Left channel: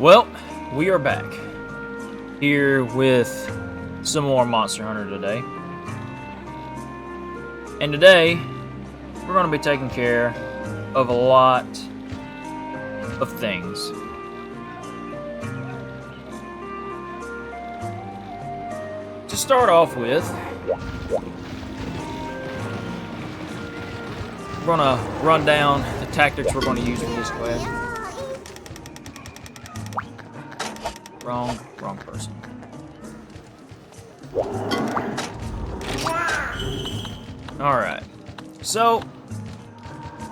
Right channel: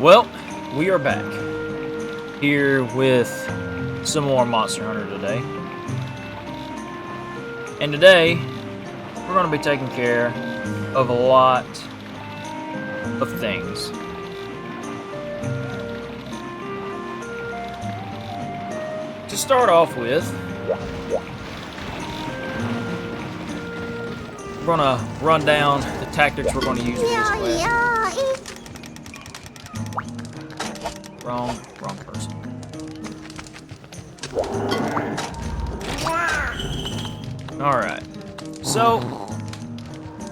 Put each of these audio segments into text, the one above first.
Well, we are back here with some more Monster Hunter today. And today, we're going to be taking care of a lot of things. To start off with, we're going to run down the tactics we're going to use for this quest. Wrong person. Alright. So,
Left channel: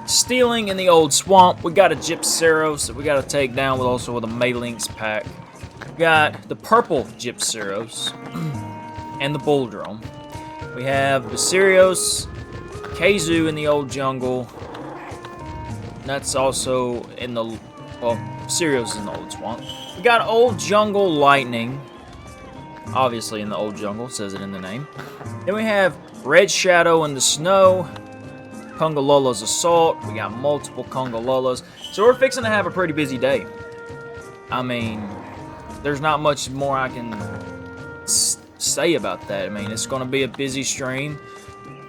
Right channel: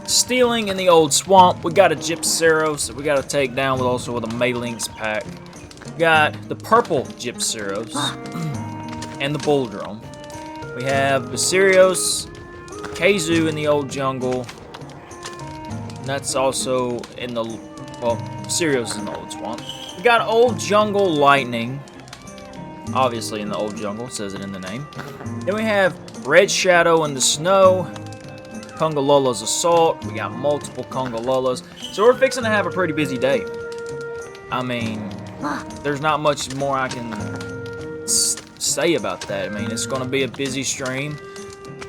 stealing in the old swamp, we got a Gypceros that we gotta take down with a Malinx pack. We got the purple Gypceros and the Bull Drone. We have Basirios, Keizu in the old jungle. And that's also in the, well, Basirios is in the old swamp. We got Old Jungle Lightning, obviously in the Old Jungle, says it in the name. Then we have Red Shadow in the Snow, Kungalola's Assault. We got multiple Kungalolas. So we're fixing to have a pretty busy day. I mean, there's not much more I can say about that. I mean, it's going to be a busy stream.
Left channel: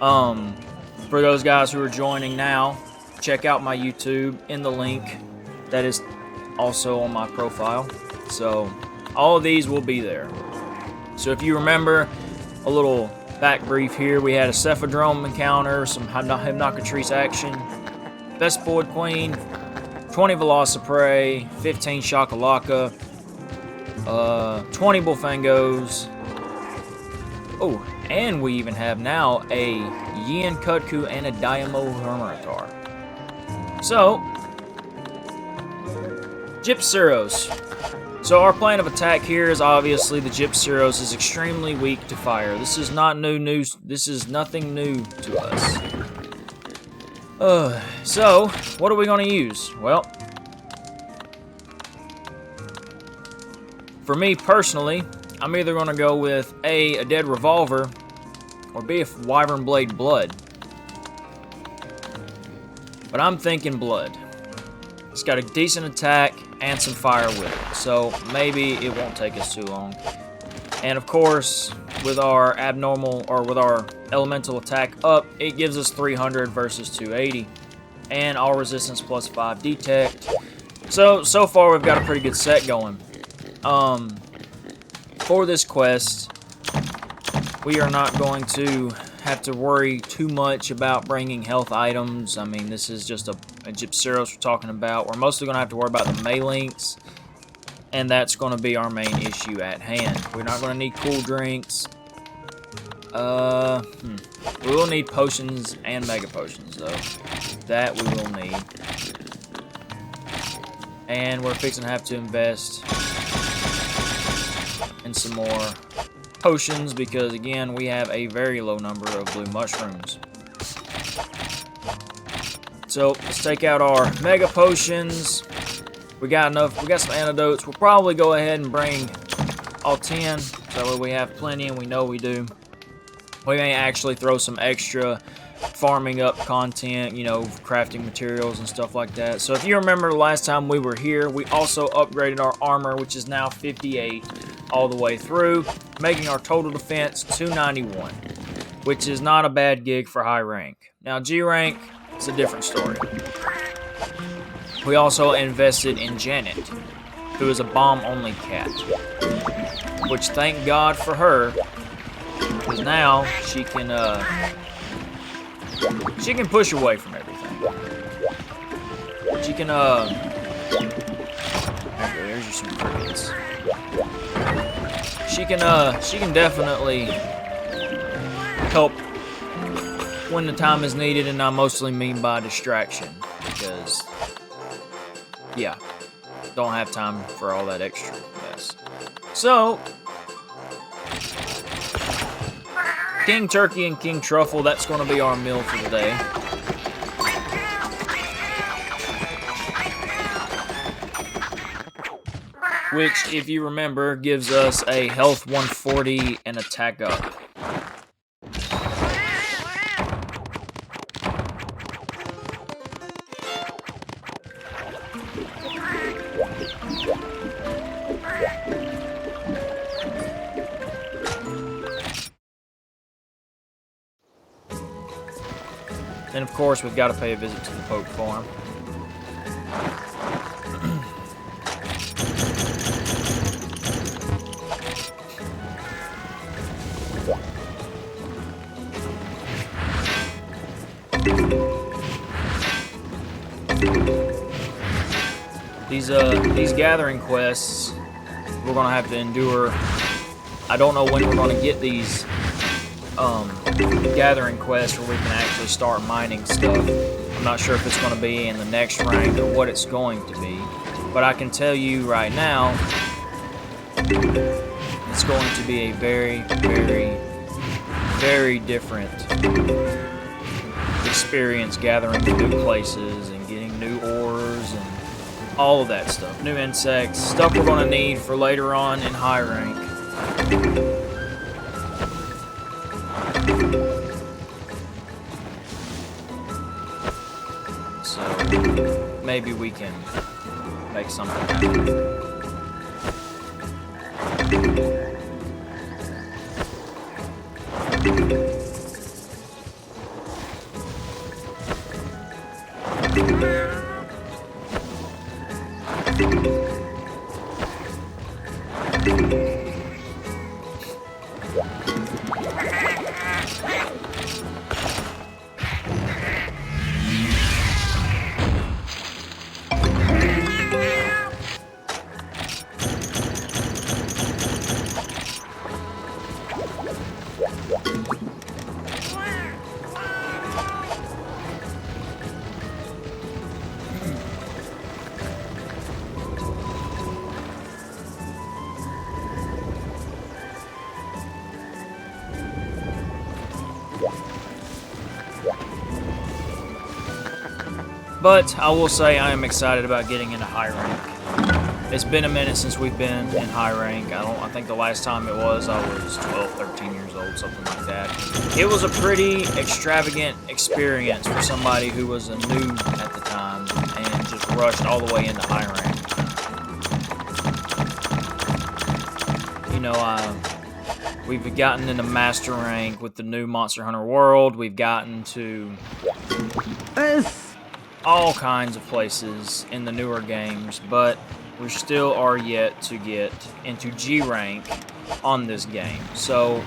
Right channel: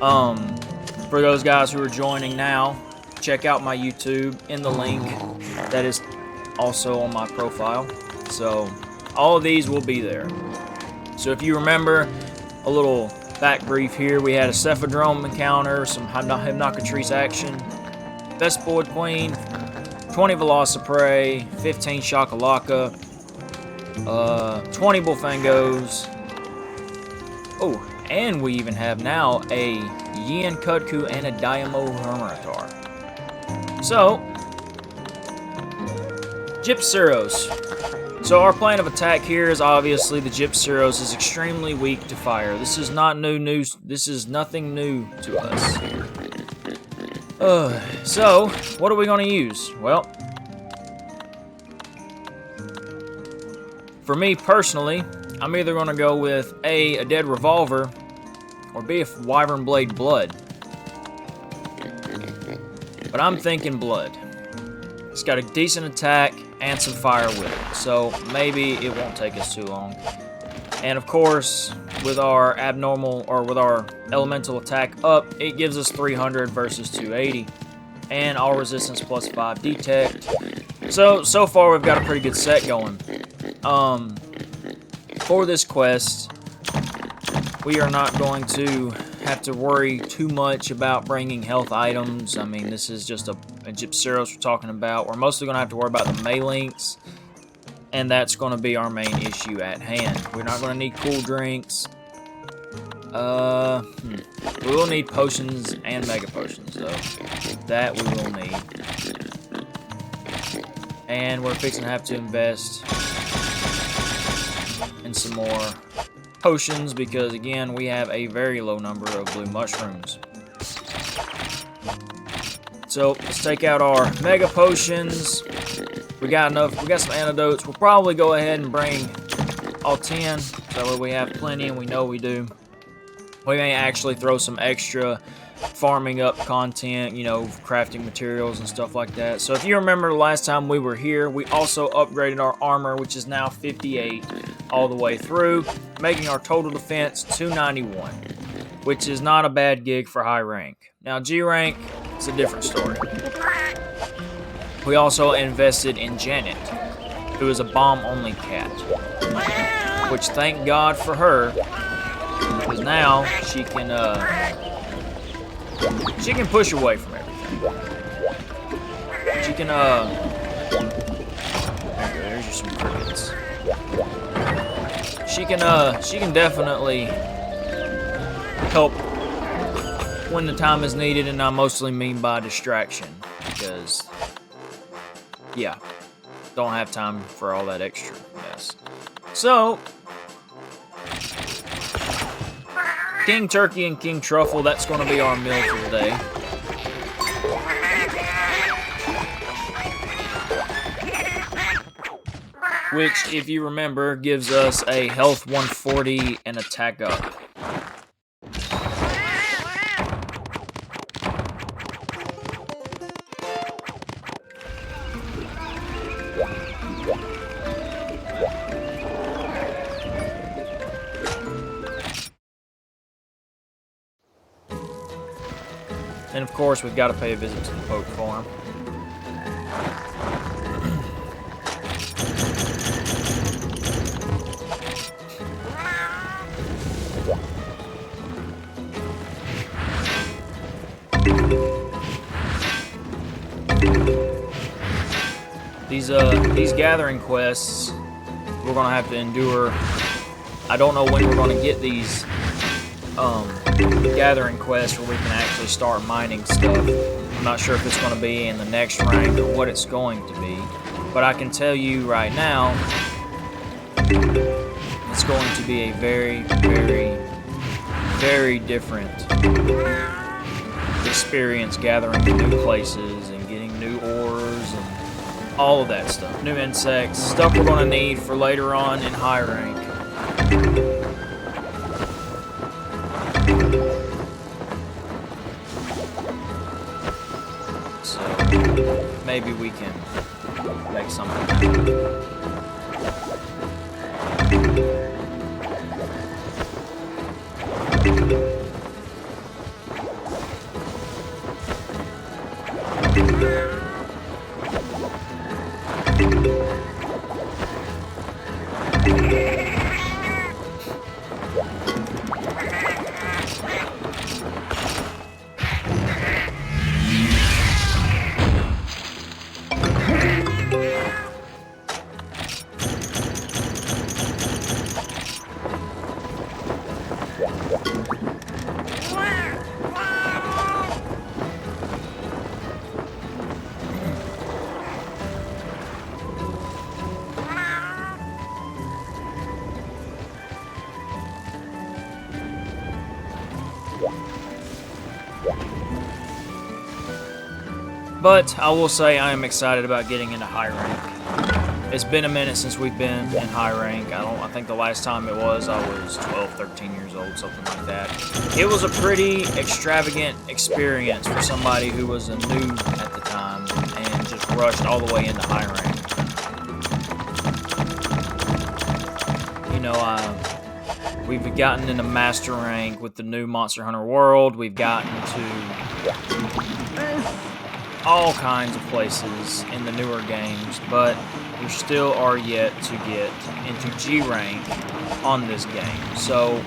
For those guys who are joining now, check out my YouTube in the link. That is also on my profile. So all of these will be there. So if you remember, a little back brief here, we had a Cephadrome encounter, some Hypnocatrice action, Vespoid Queen, 20 Velociprey, 15 Shakalaka, 20 Bullfangos. Oh, and we even have now a Yin Kutku and a Diamo Hermitaur. So, Gypceros. So our plan of attack here is obviously the Gypceros is extremely weak to fire. This is not new news. This is nothing new to us. So what are we going to use? Well, for me personally, I'm either going to go with A Dead Revolver, or B, a Wyvern Blade Blood. But I'm thinking Blood. It's got a decent attack and some fire with it, so maybe it won't take us too long. And of course, with our abnormal, or with our elemental attack up, it gives us 300 versus 280. And all resistance plus 5 detect. So far we've got a pretty good set going. For this quest, we are not going to have to worry too much about bringing health items. I mean, this is just a Gypceros we're talking about. We're mostly going to have to worry about the Maylinks, and that's going to be our main issue at hand. We're not going to need cool drinks. We will need potions and mega potions, though. That we will need. And we're fixing to have to invest in some more potions because, again, we have a very low number of blue mushrooms. So let's take out our mega potions. We got enough. We got some antidotes. We'll probably go ahead and bring all 10, so that way we have plenty, and we know we do. We may actually throw some extra farming up content, you know, crafting materials and stuff like that. So if you remember the last time we were here, we also upgraded our armor, which is now 58 all the way through, making our total defense 291, which is not a bad gig for high rank. Now G rank is a different story. We also invested in Janet, who is a bomb-only cat, which thank God for her, because now she can push away from everything. She can there you go. There's just some crickets. She can definitely help when the time is needed, and I mostly mean by distraction, because yeah, don't have time for all that extra mess. So King Turkey and King Truffle, that's going to be our meal for the day. Which, if you remember, gives us a health 140 and attack up. And of course, we've got to pay a visit to the Poke Farm. These gathering quests, we're gonna have to endure. I don't know when we're gonna get these gathering quests where we can actually start mining stuff. I'm not sure if it's going to be in the next rank or what it's going to be, but I can tell you right now, it's going to be a very, very, very different experience gathering in new places and getting new ores and all of that stuff. New insects, stuff we're going to need for later on in high rank. So maybe we can make something happen. But I will say I am excited about getting into high rank. It's been a minute since we've been in high rank. I think the last time it was, I was 12, 13 years old, something like that. It was a pretty extravagant experience for somebody who was a noob at the time and just rushed all the way into high rank. You know, We've gotten into Master Rank with the new Monster Hunter World. We've gotten to all kinds of places in the newer games, but we still are yet to get into G rank on this game. So,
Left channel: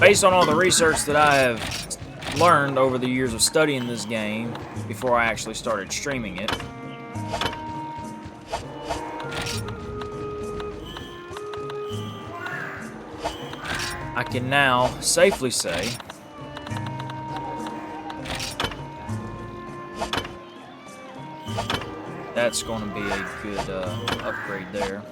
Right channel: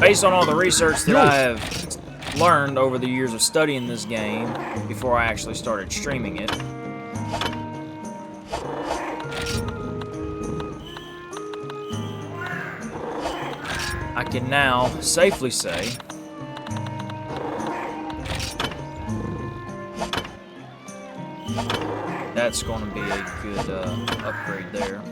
based on all the research that I have learned over the years of studying this game before I actually started streaming it, I can now safely say that's going to be a good upgrade there.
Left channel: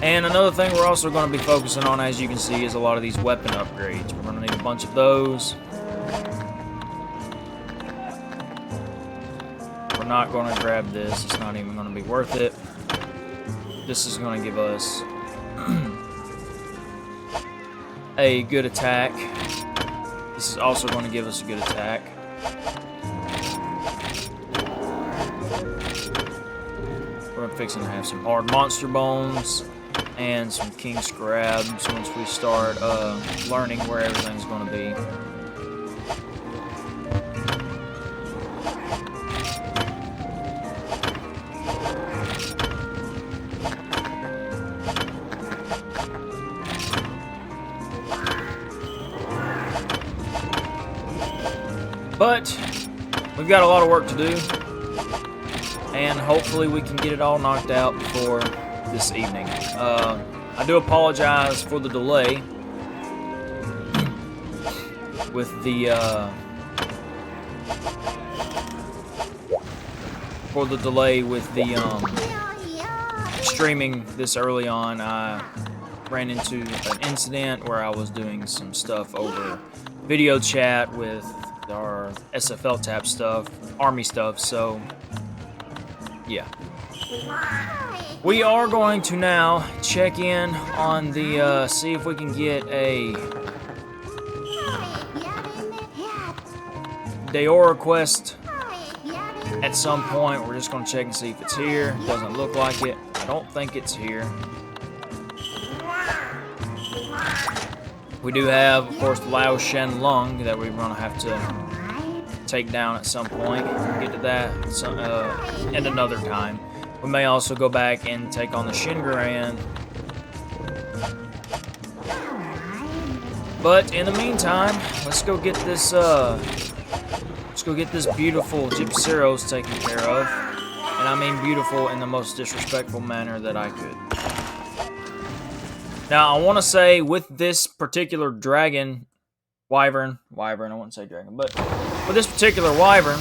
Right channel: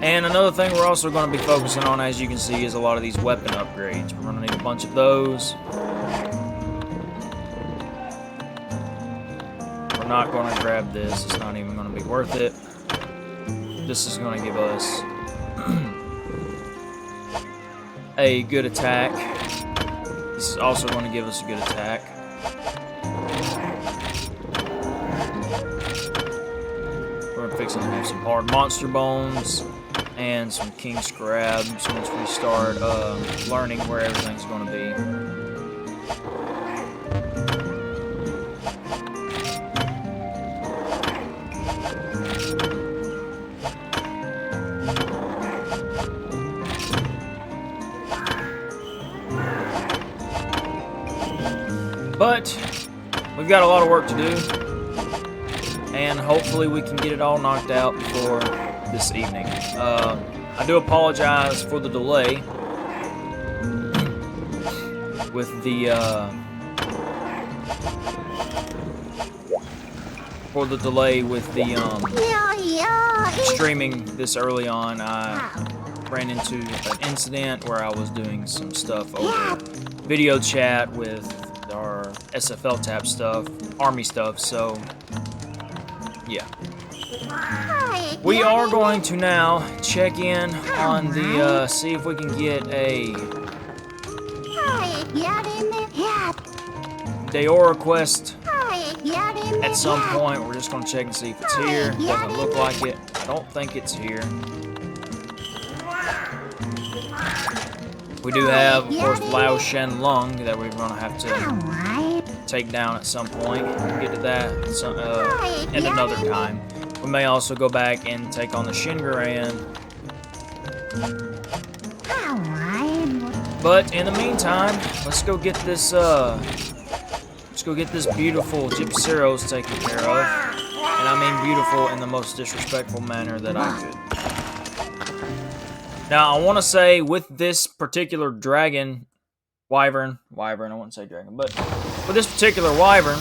And another thing we're also going to be focusing on, as you can see, is a lot of these weapon upgrades. We're going to need a bunch of those. We're not going to grab this. It's not even going to be worth it. This is going to give us a good attack. This is also going to give us a good attack. We're fixing to have some hard monster bones and some king scrabs once we start learning where everything's going to be. But we've got a lot of work to do, and hopefully we can get it all knocked out before this evening. I do apologize for the delay with the streaming this early on. I ran into an incident where I was doing some stuff over video chat with our SFL tap stuff, army stuff, so yeah. We are going to now check in on the, see if we can get a Deora quest at some point. We're just going to check and see if it's here. Doesn't look like it. I don't think it's here. We do have, of course, Lao Shen Lung that we're going to have to take down at some point. We'll get to that at another time. We may also go back and take on the Shingaran. But in the meantime, let's go get this beautiful Gypceros taken care of. And I mean beautiful in the most disrespectful manner that I could. Now, I want to say with this particular dragon, wyvern, I wouldn't say dragon, but with this particular wyvern,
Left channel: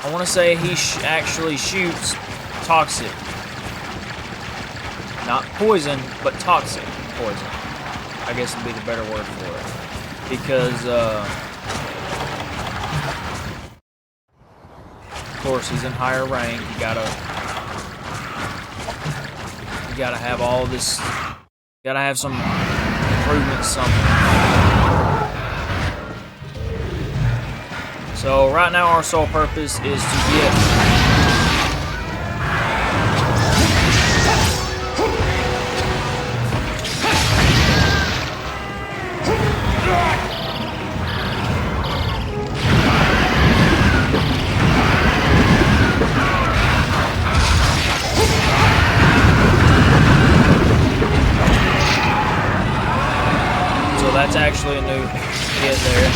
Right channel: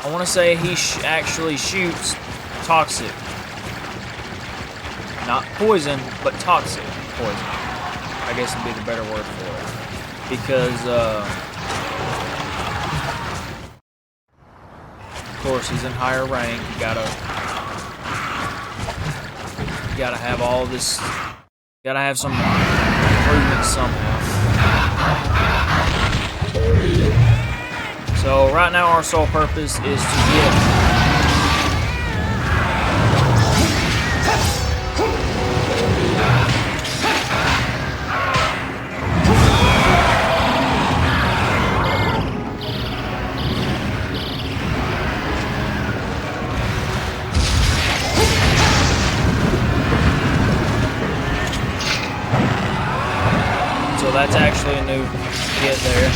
I want to say he actually shoots toxic. Not poison, but toxic poison. I guess would be the better word for it. Because, of course, he's in higher rank. You gotta have all this. Gotta have some improvements somewhere. So right now our sole purpose is to get that's actually a new hit there.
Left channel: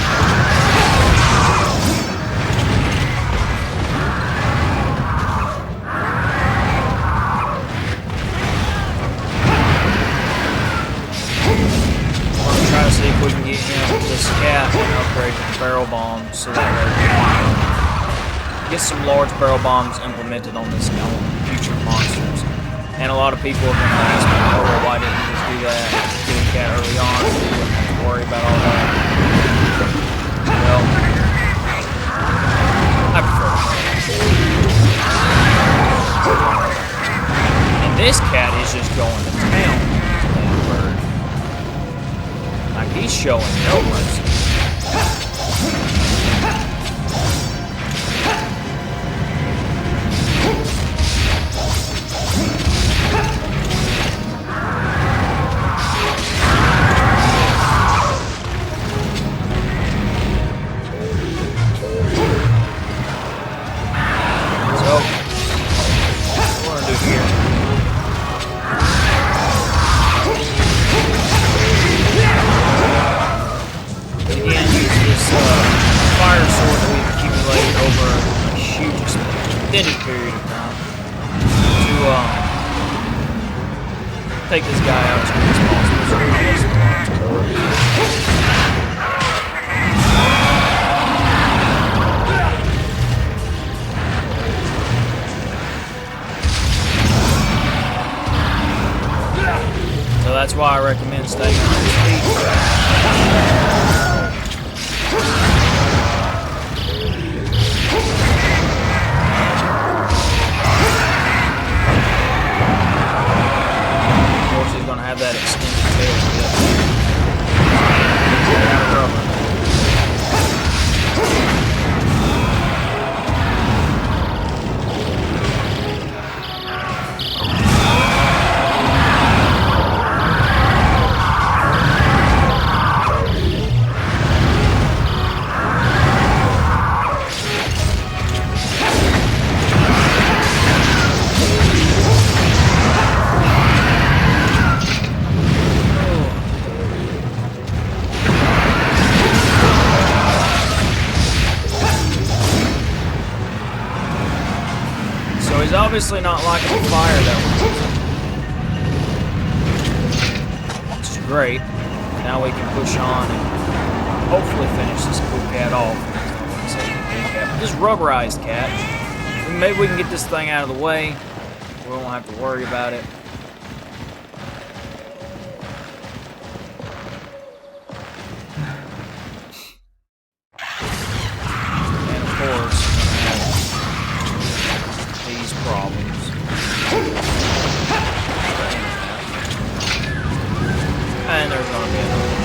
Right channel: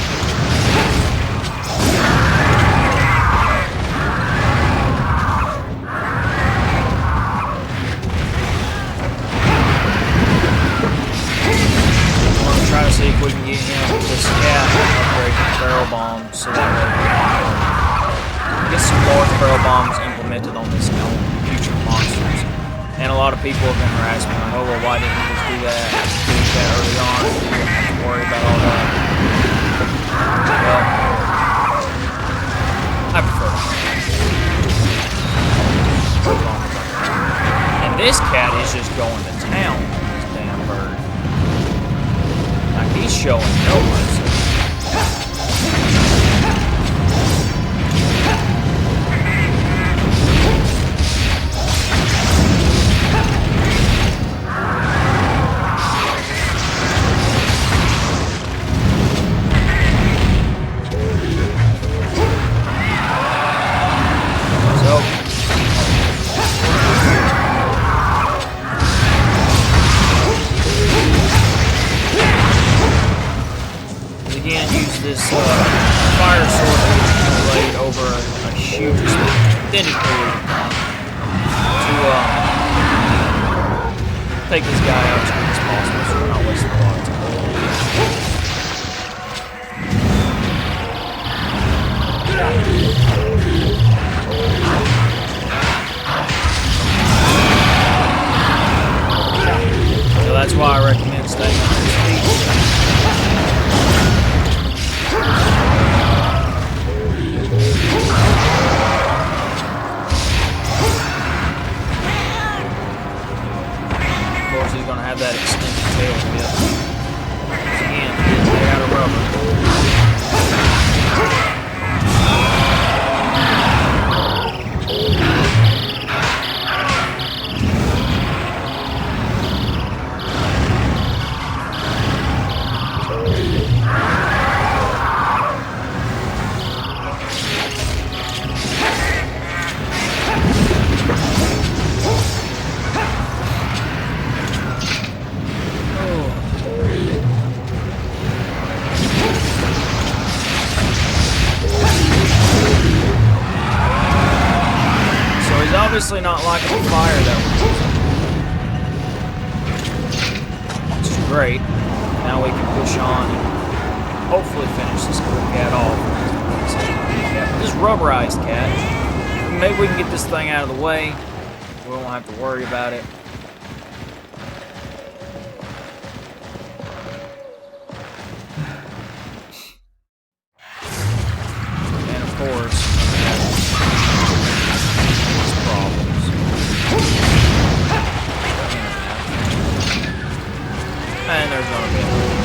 I'm going to try to see if we can get him with this cat and upgrade the barrel bombs so that way we can get some large barrel bombs implemented on this on future monsters. And a lot of people have been harassing me, oh well, why didn't you just do that? Do that early on, so you wouldn't have to worry about all that. This cat is just going to town on this damn bird. Like, he's showing no mercy. Fire sword that we've accumulated over a huge extended period of time to take this guy out as quick as possible, so we're not wasting a lot of time. So that's why I recommend staying on his feet. Of course, he's going to have that extended tail tip. And he is made out of rubber. He's obviously not liking the fire that we're using, which is great. Now we can push on and hopefully finish this cool cat off. I wouldn't say he's a cool cat, but this rubberized cat. Maybe we can get this thing out of the way. We won't have to worry about it. And of course, problems. And there's gonna be another one.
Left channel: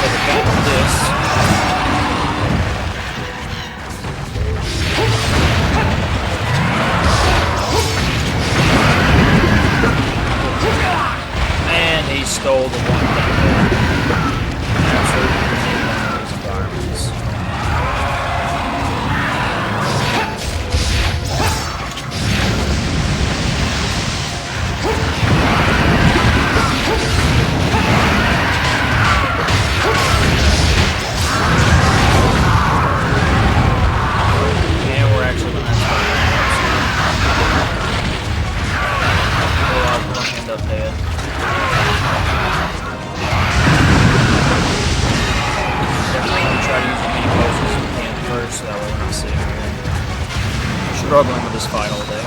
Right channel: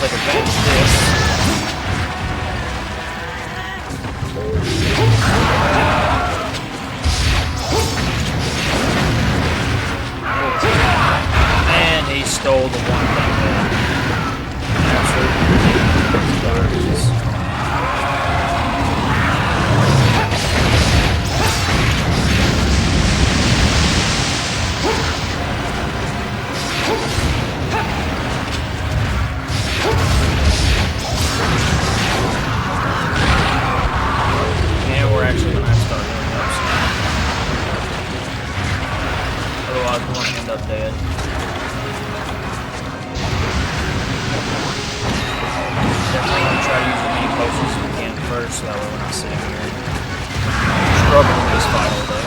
Take advantage of this. And he stole the one thing that absolutely ridiculous garbage. Actually, when I start running up soon. Otherwise, we're going to end up dead. Definitely going to try to use as many potions as we can first, so that way we're not sitting here struggling with this fight all day.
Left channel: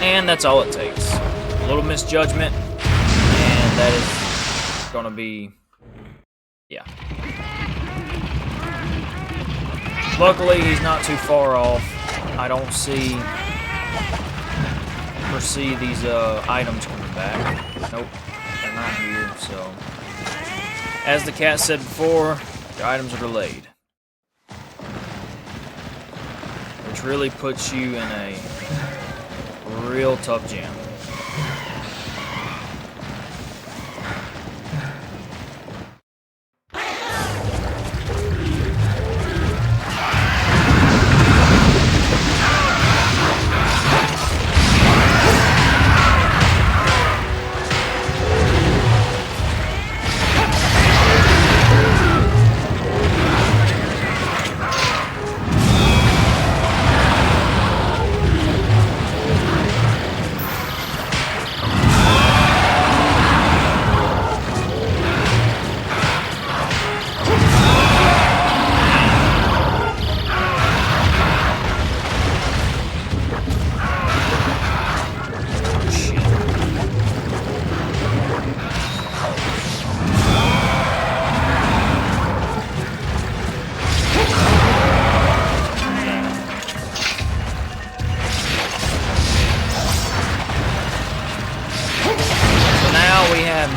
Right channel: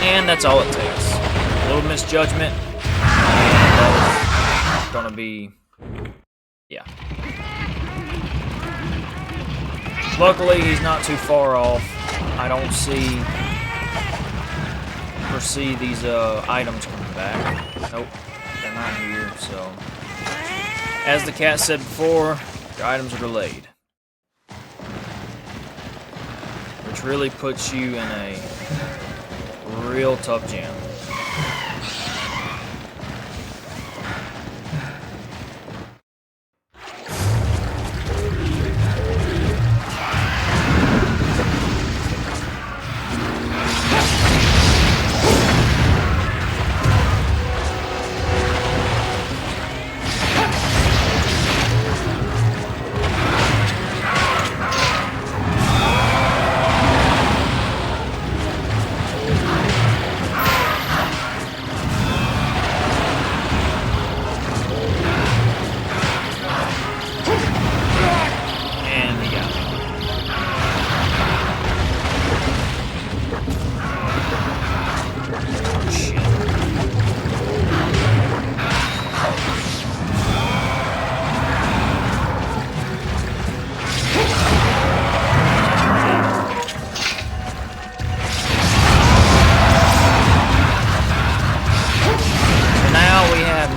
And that's all it takes. A little misjudgment, and that is gonna be, yeah. Luckily, he's not too far off. I don't foresee these items coming back. Nope, they're not here. So, as the cat said before, your items are delayed, which really puts you in a real tough jam.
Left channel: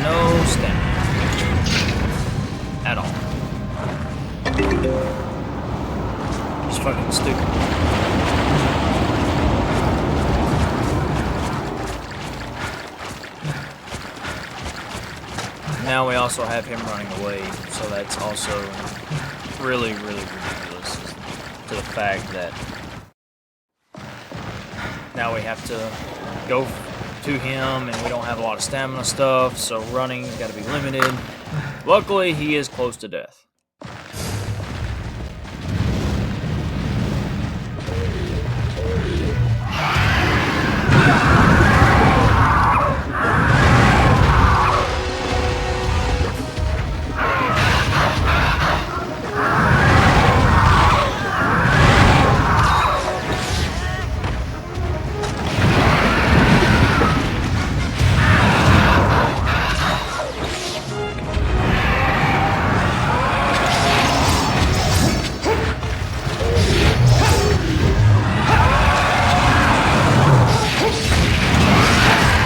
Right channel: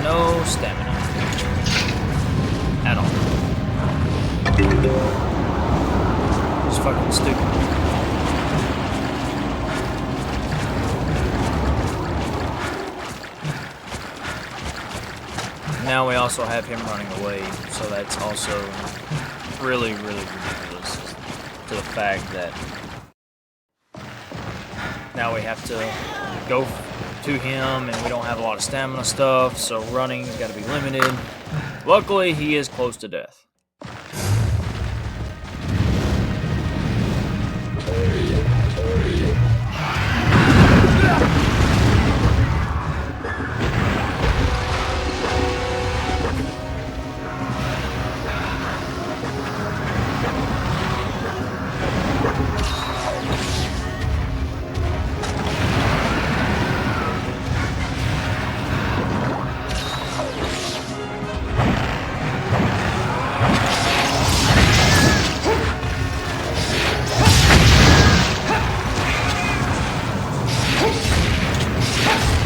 No stamina at all. It's fucking stupid. Now we also have him running away, so that's also really, really ridiculous to the fact that now we have to go to him, and we don't have a lot of stamina stuff, so running's got to be limited. Luckily, he is close to death.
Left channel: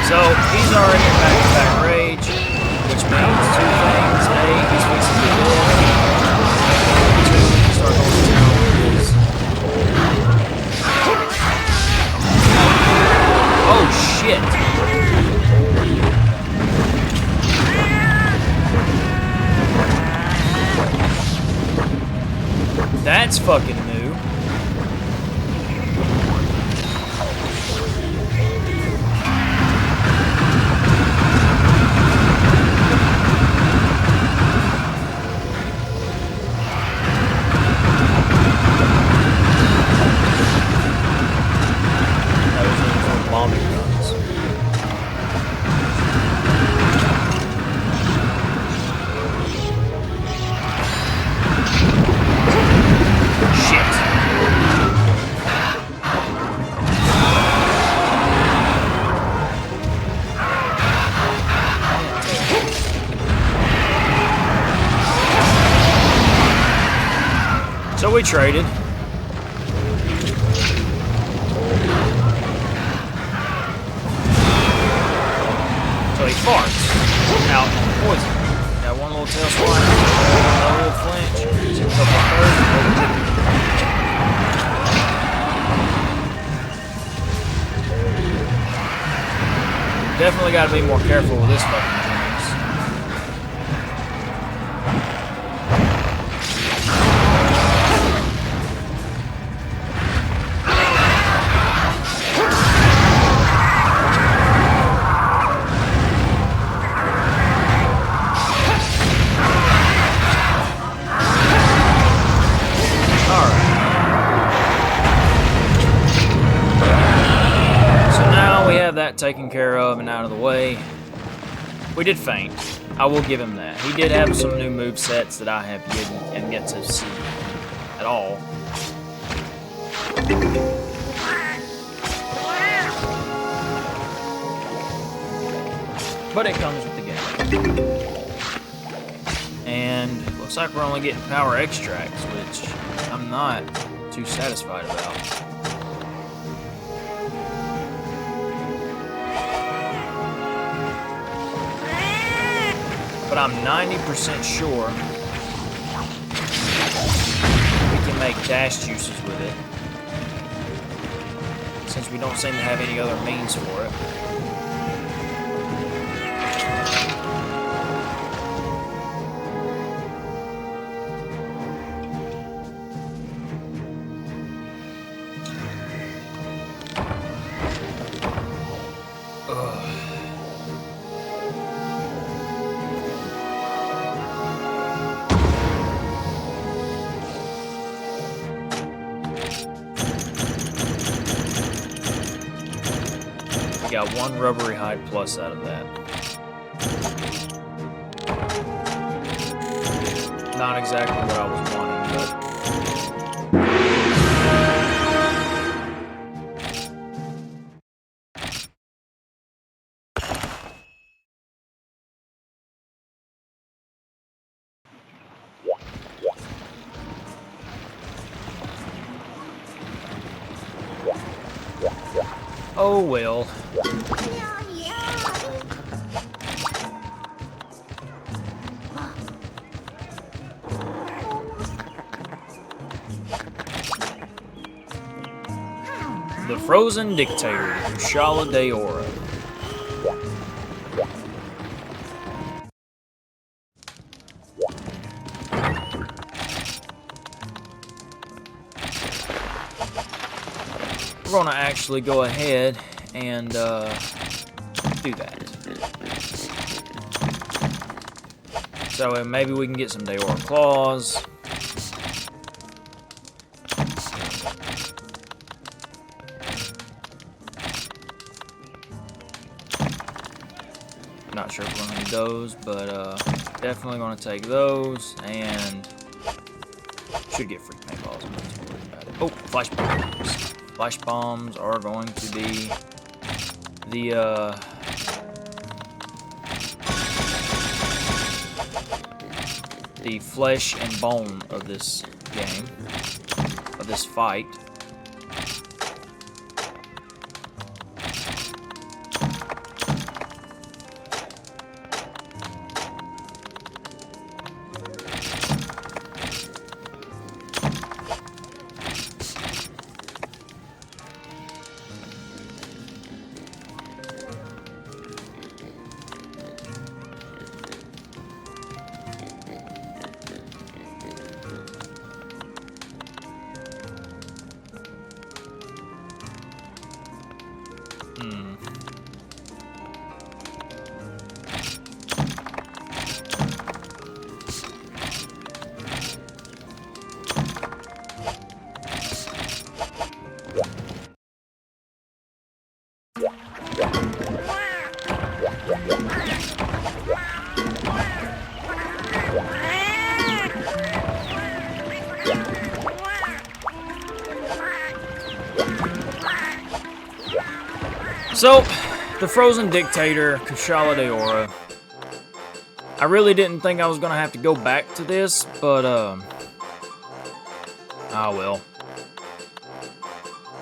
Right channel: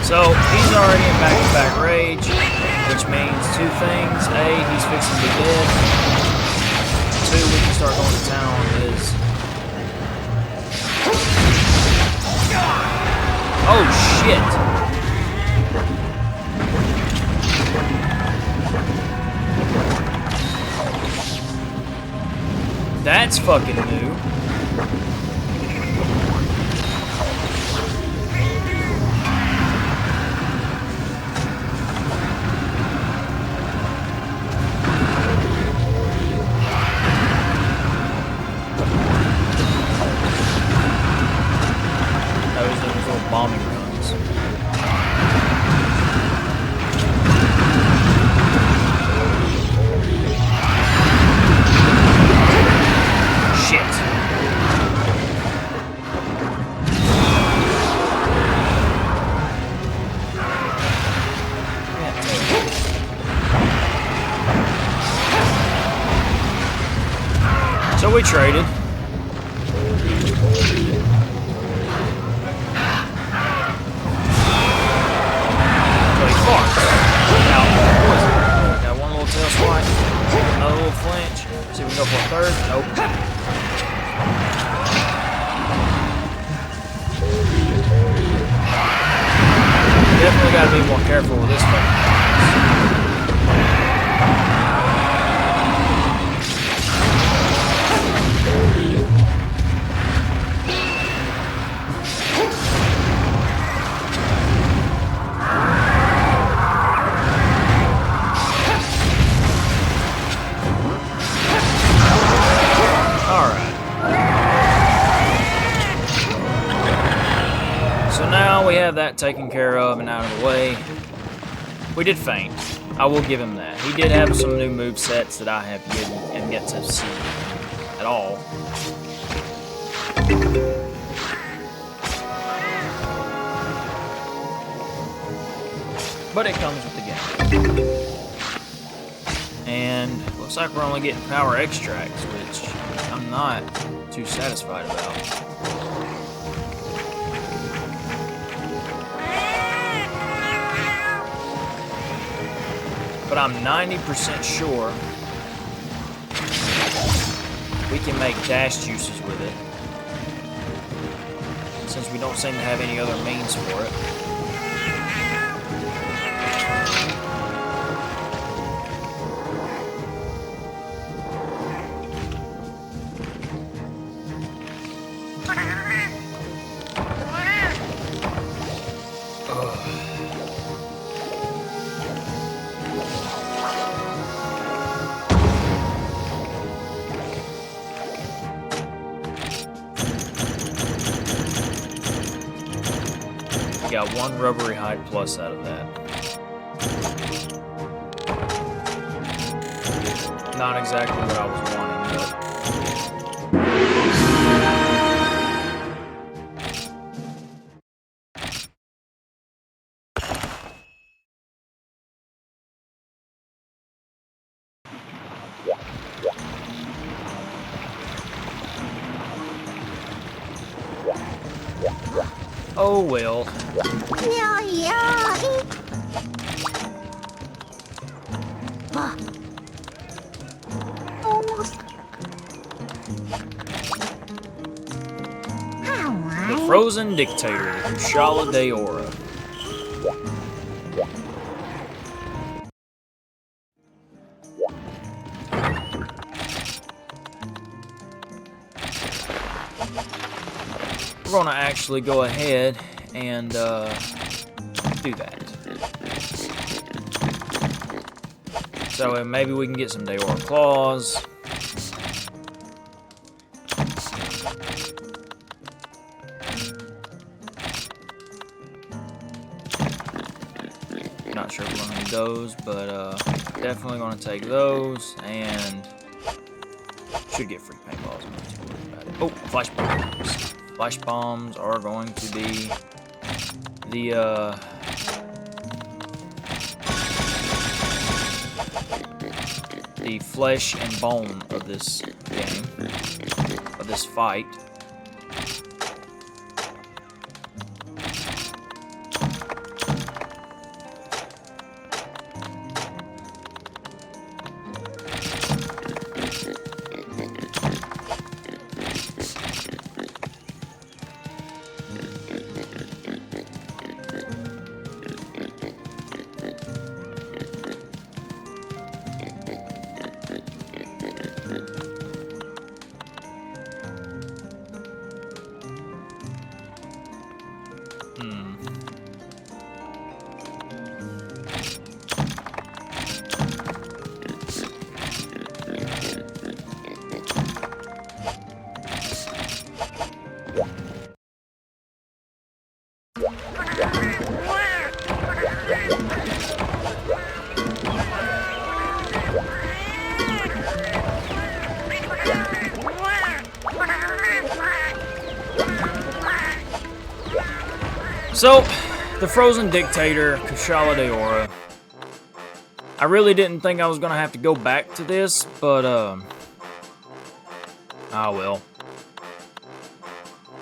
So, he's already in back-to-back rage, which means two things. A, he's fixing to be dead. Two, we can start going to town on his. Oh, shit! That's fucking new. Bombing runs. Shit. So we traded. Now, poison. Got one little tail swipe, another little flinch. See if we go for a third. Nope. Definitely got to be more careful with this fucking. We have that taken care of and out of the way. We did faint. I will give him that. He did have some new move sets that I have yet to see at all. But it comes with the game. Looks like we're only getting power extracts, which I'm not too satisfied about. But I'm 90% sure we can make dash juices with it, since we don't seem to have any other means for it. We got one rubbery hide plus out of that. Not exactly what I was wanting, but... oh well. The Frozen Dictator, the Kushala Daora. We're gonna actually go ahead and do that. So maybe we can get some Daora claws. Not sure if we're gonna need those, but definitely gonna take those, and should get free paintballs. I'm not too worried about it. Oh, flash bombs! Flash bombs are going to be the flesh and bone of this game, of this fight. So, the Frozen Dictator, Kushala Daora. I really didn't think I was going to have to go back to this, but, ah well.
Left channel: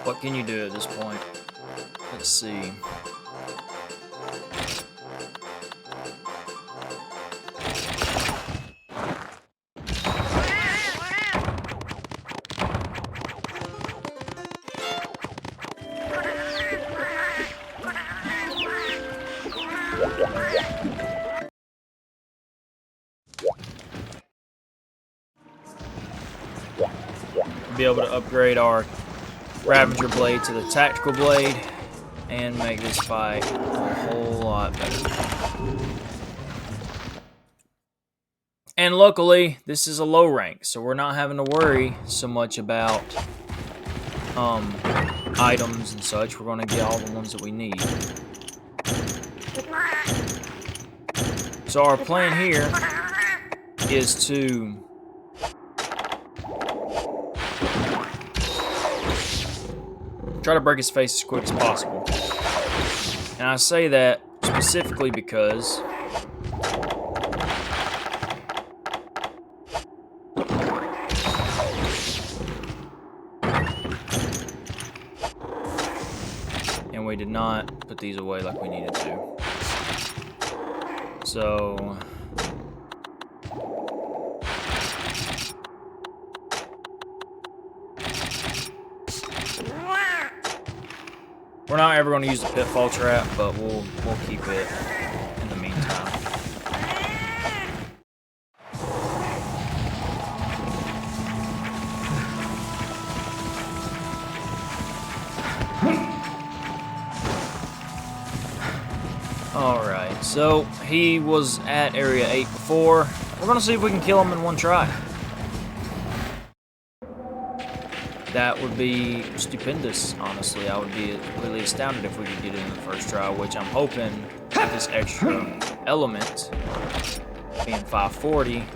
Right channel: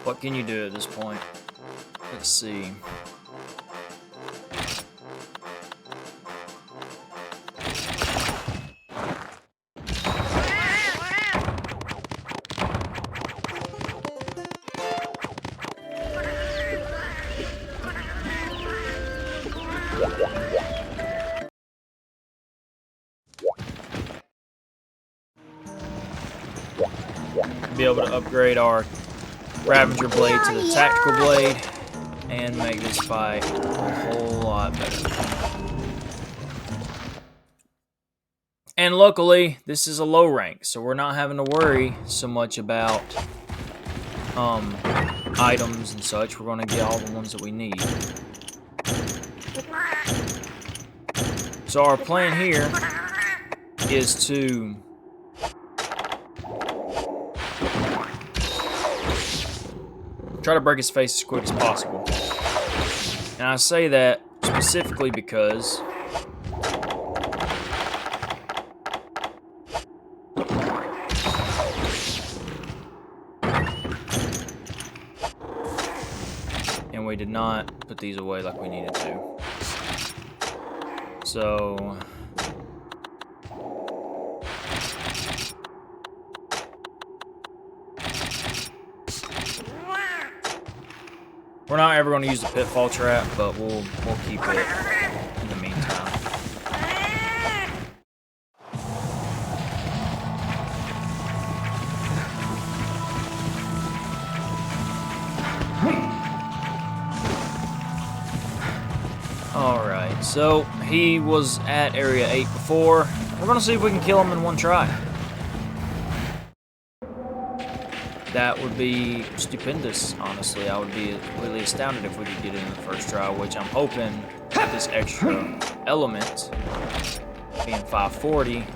What can you do at this point? Let's see. Be able to upgrade our Ravager blade to the tactical blade and make this fight a whole lot better. And luckily, this is a low rank, so we're not having to worry so much about items and such. We're going to get all the ones that we need. So our plan here is to try to break his face as quick as possible. And I say that specifically because And we did not put these away like we needed to. So... we're not ever going to use the pitfall trap, but we'll keep it in the meantime. Alright, so he was at Area 8 before. We're going to see if we can kill him in one try. That would be stupendous, honestly. I would be really astounded if we could get it in the first try, which I'm hoping with this extra element, being 540,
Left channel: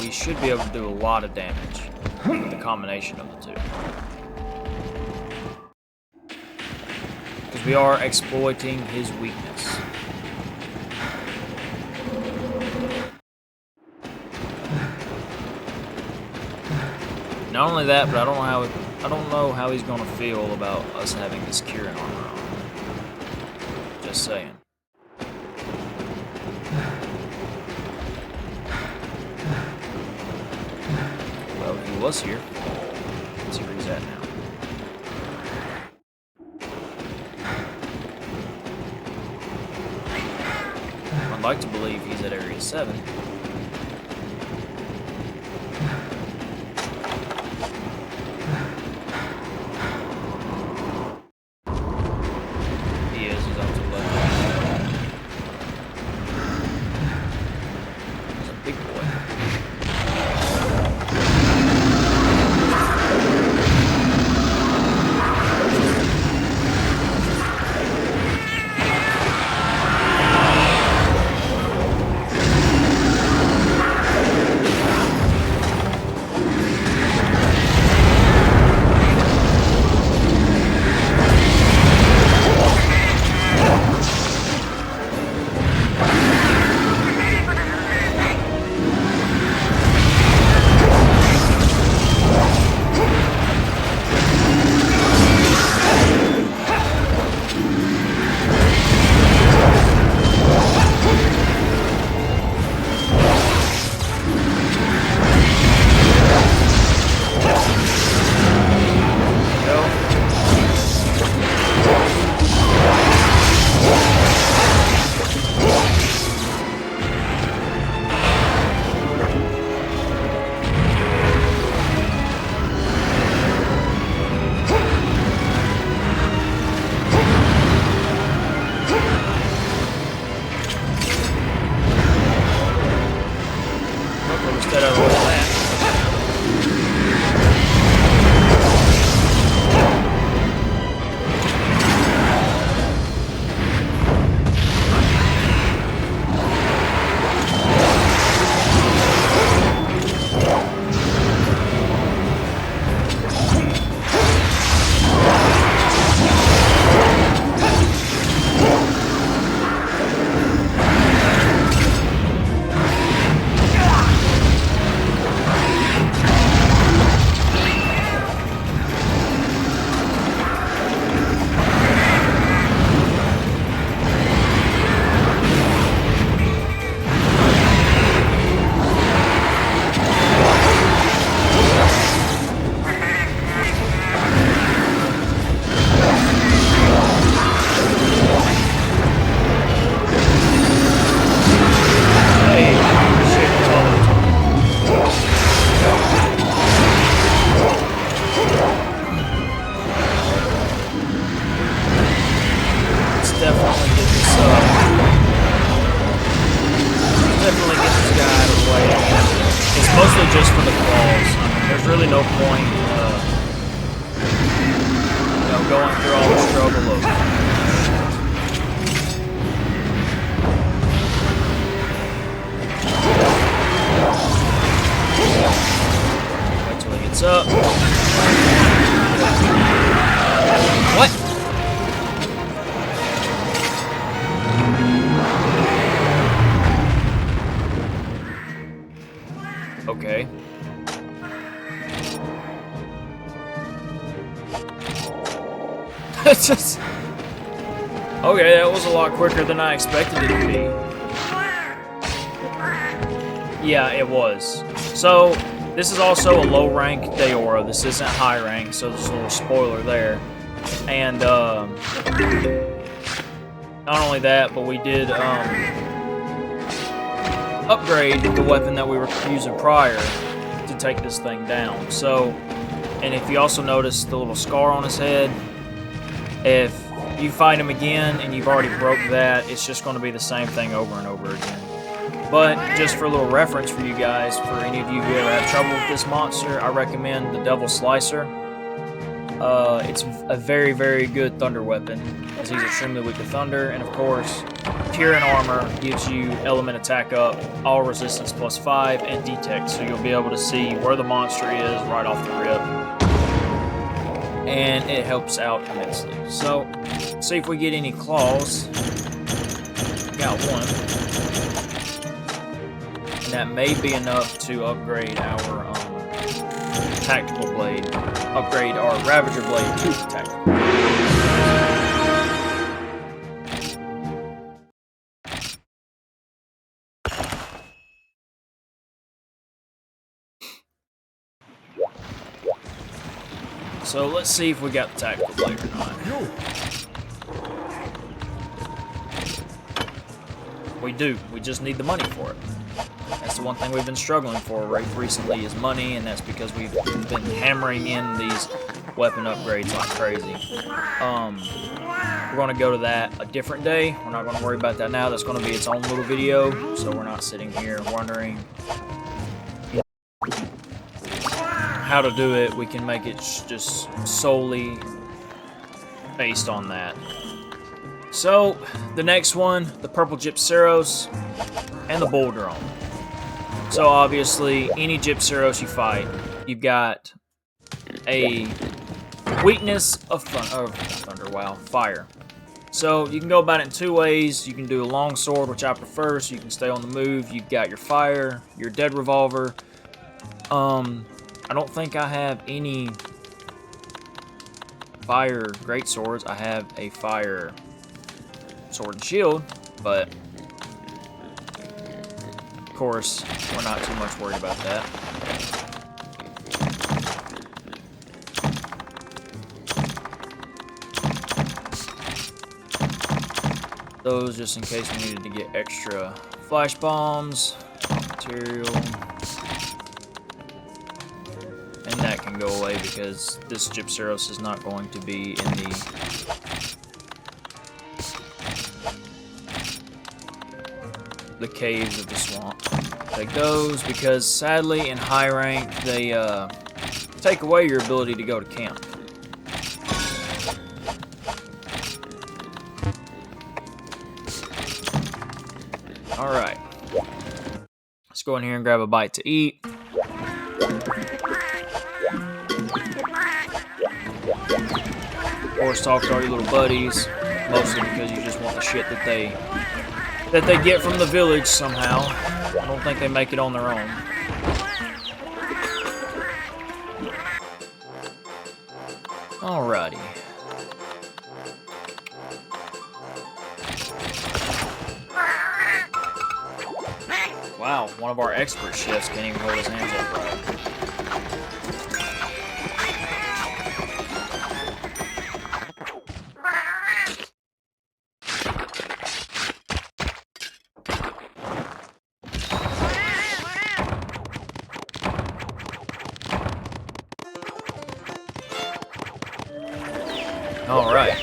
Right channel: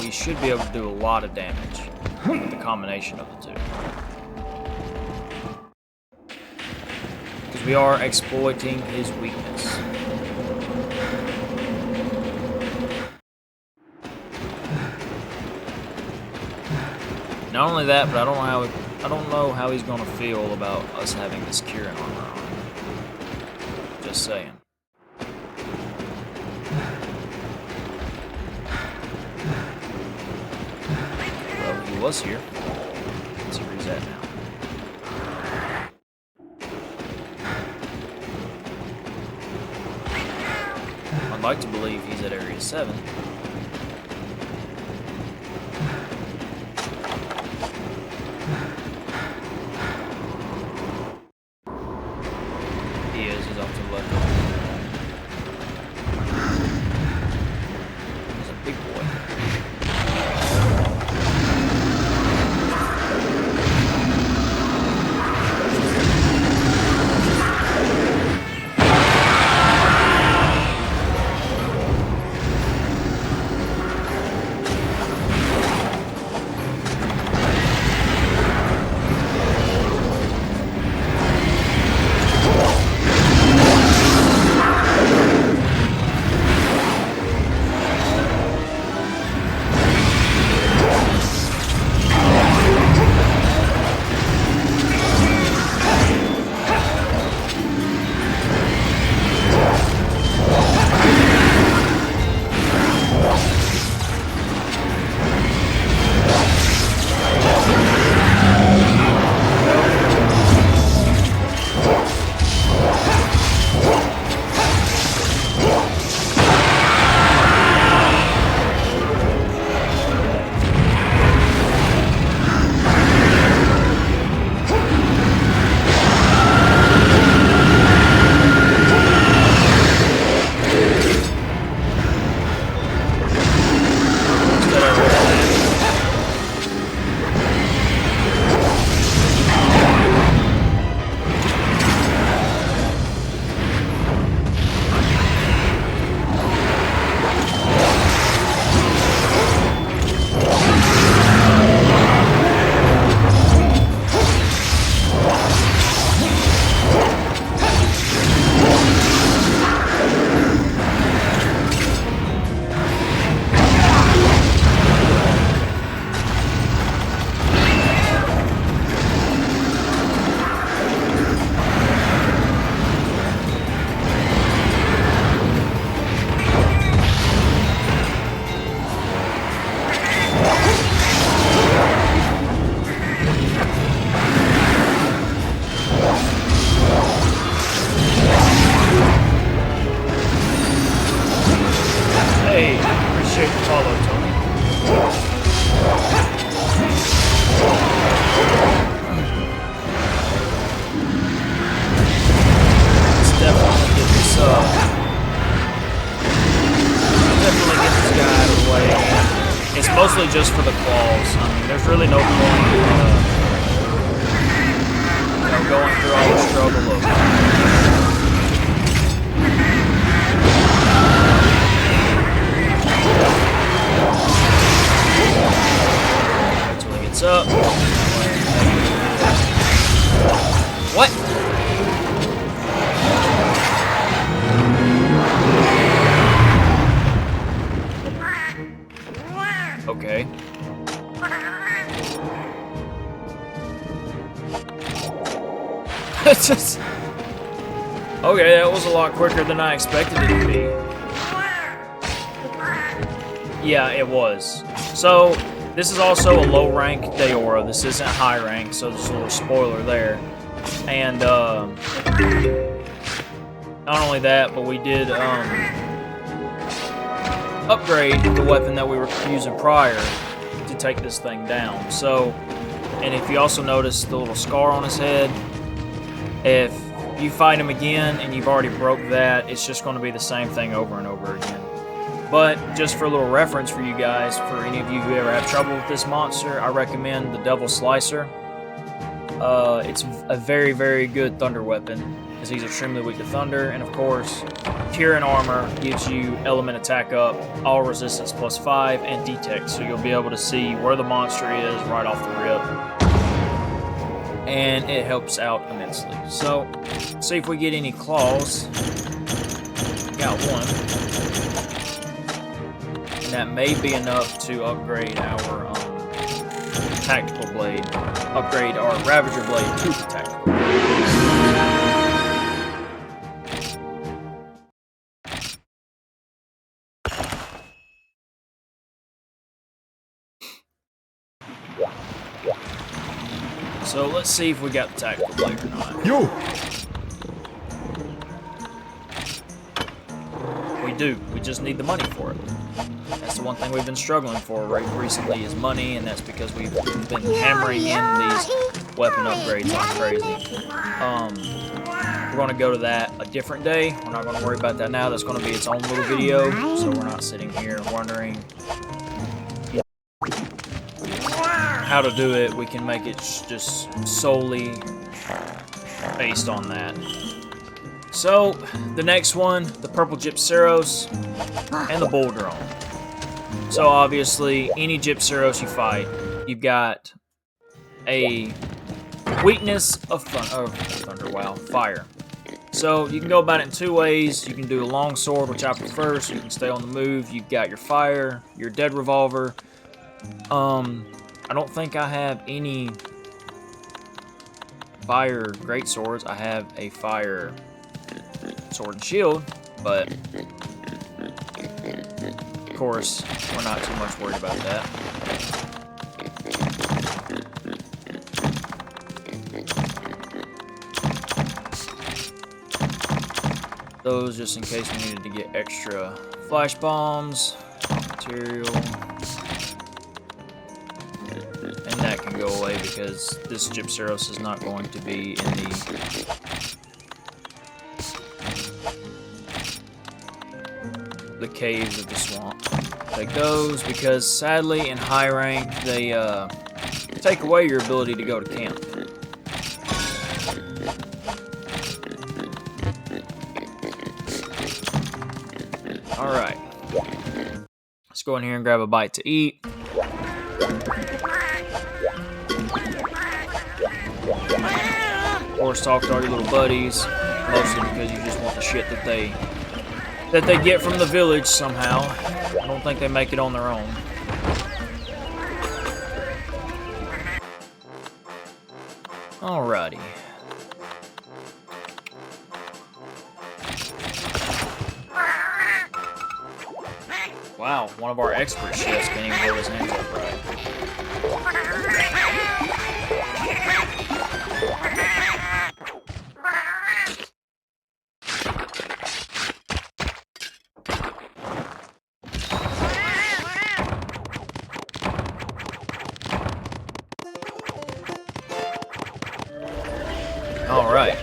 we should be able to do a lot of damage with the combination of the two. Because we are exploiting his weakness. Not only that, but I don't know how he's gonna feel about us having this curing armor on. Just saying. Well, he was here. Let's see where he's at now. I'd like to believe he's at Area 7. He is, he's off to the left. He's a big boy. Mostly just for the claws. I mean, there's really no point, going through all the struggle of. Wait till he gets up. What? Okay. It's just... Okay, that was a lot quicker than I expected it to be. Yeah, it was. So, this is also a low rank Deora. This isn't high rank, so there's a little spoiler there. And, not only that, but we did, upgrade the weapon that we were using prior to take this thing down. So, and if you also notice the little scar on his head, if you fight him again and you've already broke that, it's just going to be the same thing over and over again. But just for a little reference for you guys, for any of you who ever have trouble with this monster, I recommend the Devil Slicer. It's a very, very good thunder weapon, as he's extremely weak to thunder, and of course, Cure and Armor gives you element attack up, all resistance +5, and detect, so you'll be able to see where the monster is right off the rip. And it helps out immensely. So, see if we get any claws. Got one. And that may be enough to upgrade our tactical blade. Upgrade our Ravager blade to the tactical blade. So let's see if we got the tactical blade or not. Yo. We do. We just need the money for it. That's the one thing we've been struggling for recently is money, and that's because we've been hammering in these weapon upgrades like crazy. We're going to go to that a different day. We're not going to worry about that now. That's going to be its own little video, so we're not sitting here wondering how to do it. We can make it just solely based on that. So, the next one, the Purple Gypceros and the Bull Drone. So obviously, any Gypceros you fight, you've got a weakness of thunder, wow, fire. So you can go about it in two ways. You can do a long sword, which I prefer, so you can stay on the move. You've got your fire, your dead revolver. I don't think I have any fire great swords. I have a fire sword and shield, but of course, we're not too much worried about that. Those just in case we needed to get extra flash bombs, material. And that can go away because this Gypceros is not going to be in the caves of the swamp. Take those because sadly in high rank they take away your ability to go to camp. Alright. Let's go in here and grab a bite to eat. Or talk to all your little buddies, mostly because you just want the shit that they get from the village somehow. I don't think they make it on their own. Alrighty. Wow, one of our expert chefs can't even hold his hands up right. Alright.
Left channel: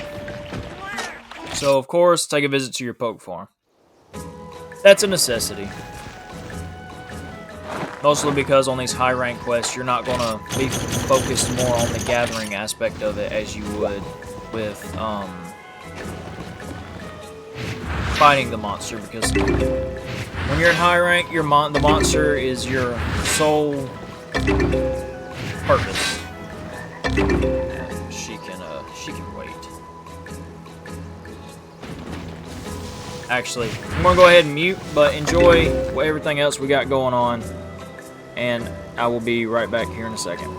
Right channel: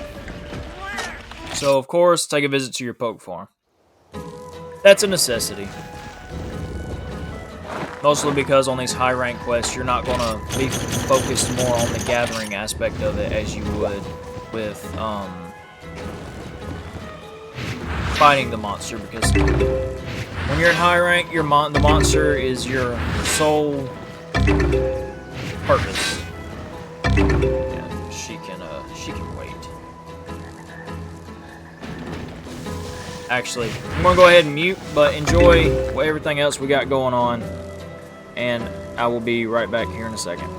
So, of course, take a visit to your poke farm. That's a necessity. Mostly because on these high rank quests, you're not going to be focused more on the gathering aspect of it as you would with fighting the monster. Because when you're in high rank, the monster is your sole purpose. And she can wait. Actually, I'm going to go ahead and mute, but enjoy everything else we got going on. And I will be right back here in a second.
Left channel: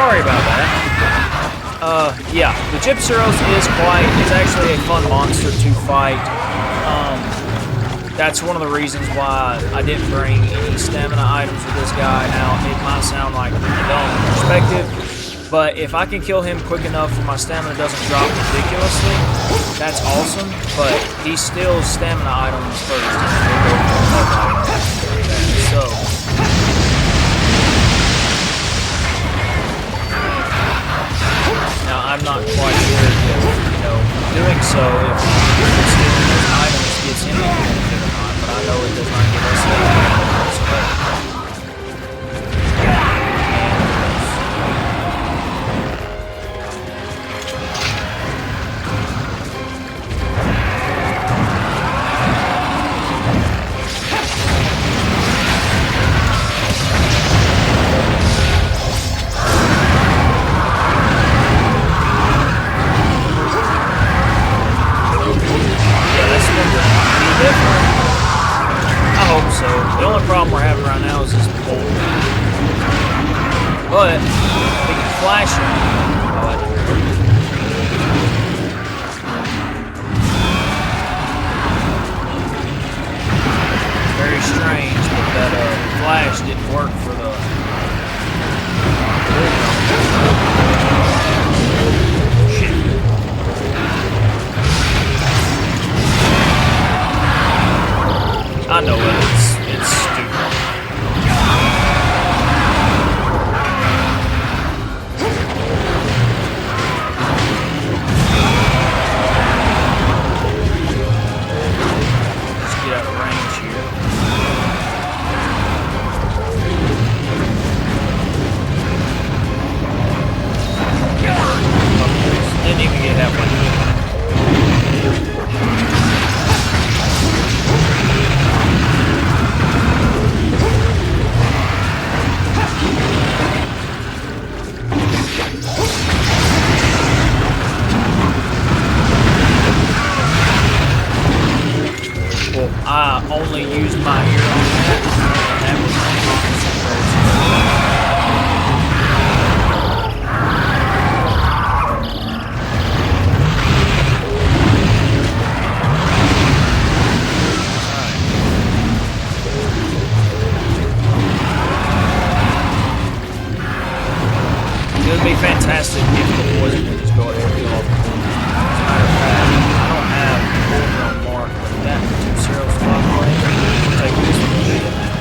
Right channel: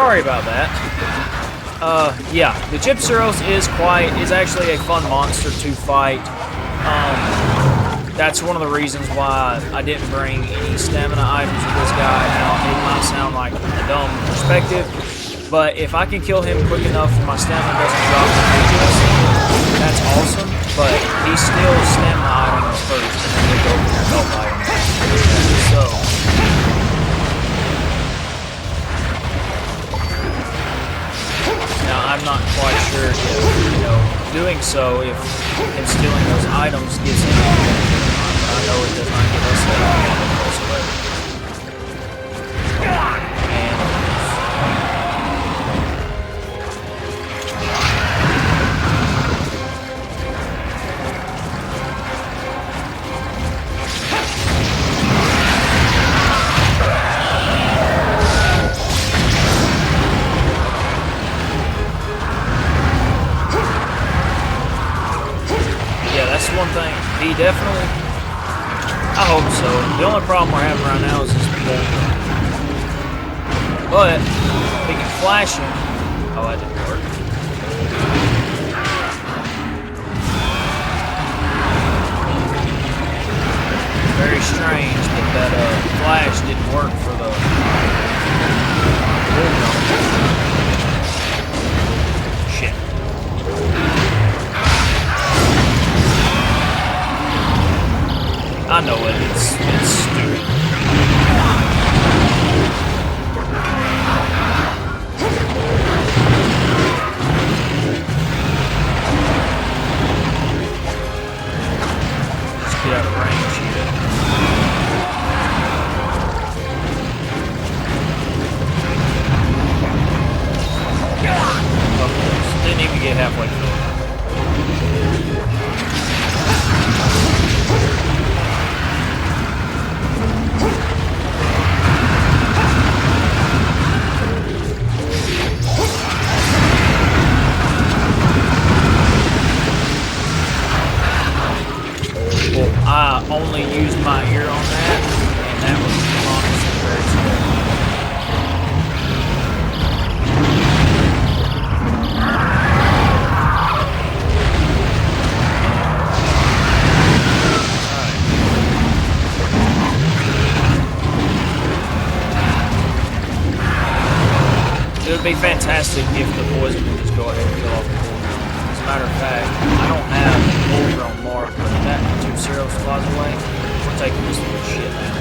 sorry about that. Yeah, the Gypceros is actually a fun monster to fight. That's one of the reasons why I didn't bring any stamina items with this guy. Now, it might sound like a dumb perspective, but if I can kill him quick enough where my stamina doesn't drop ridiculously, that's awesome, but he steals stamina items first, and then he'll go for your health items. So, now I'm not quite sure if, doing so, if stealing those items gives him any benefit or not, but I know it does not give us any benefit whatsoever. Definitely. I hope so. The only problem we're having right now is this bolt. But we can flash him. Oh, that didn't work. Very strange that flash didn't work for the shit. I know it. It's stupid. Let's get out of range here. Didn't even get halfway through. I only used my ear on that, and that was honestly very scary. Alright. It would be fantastic if the poison would just go ahead and kill off the poison. As a matter of fact, I don't have the bull drone marked, but if that 2-0 flies away, we're taking this little shit now.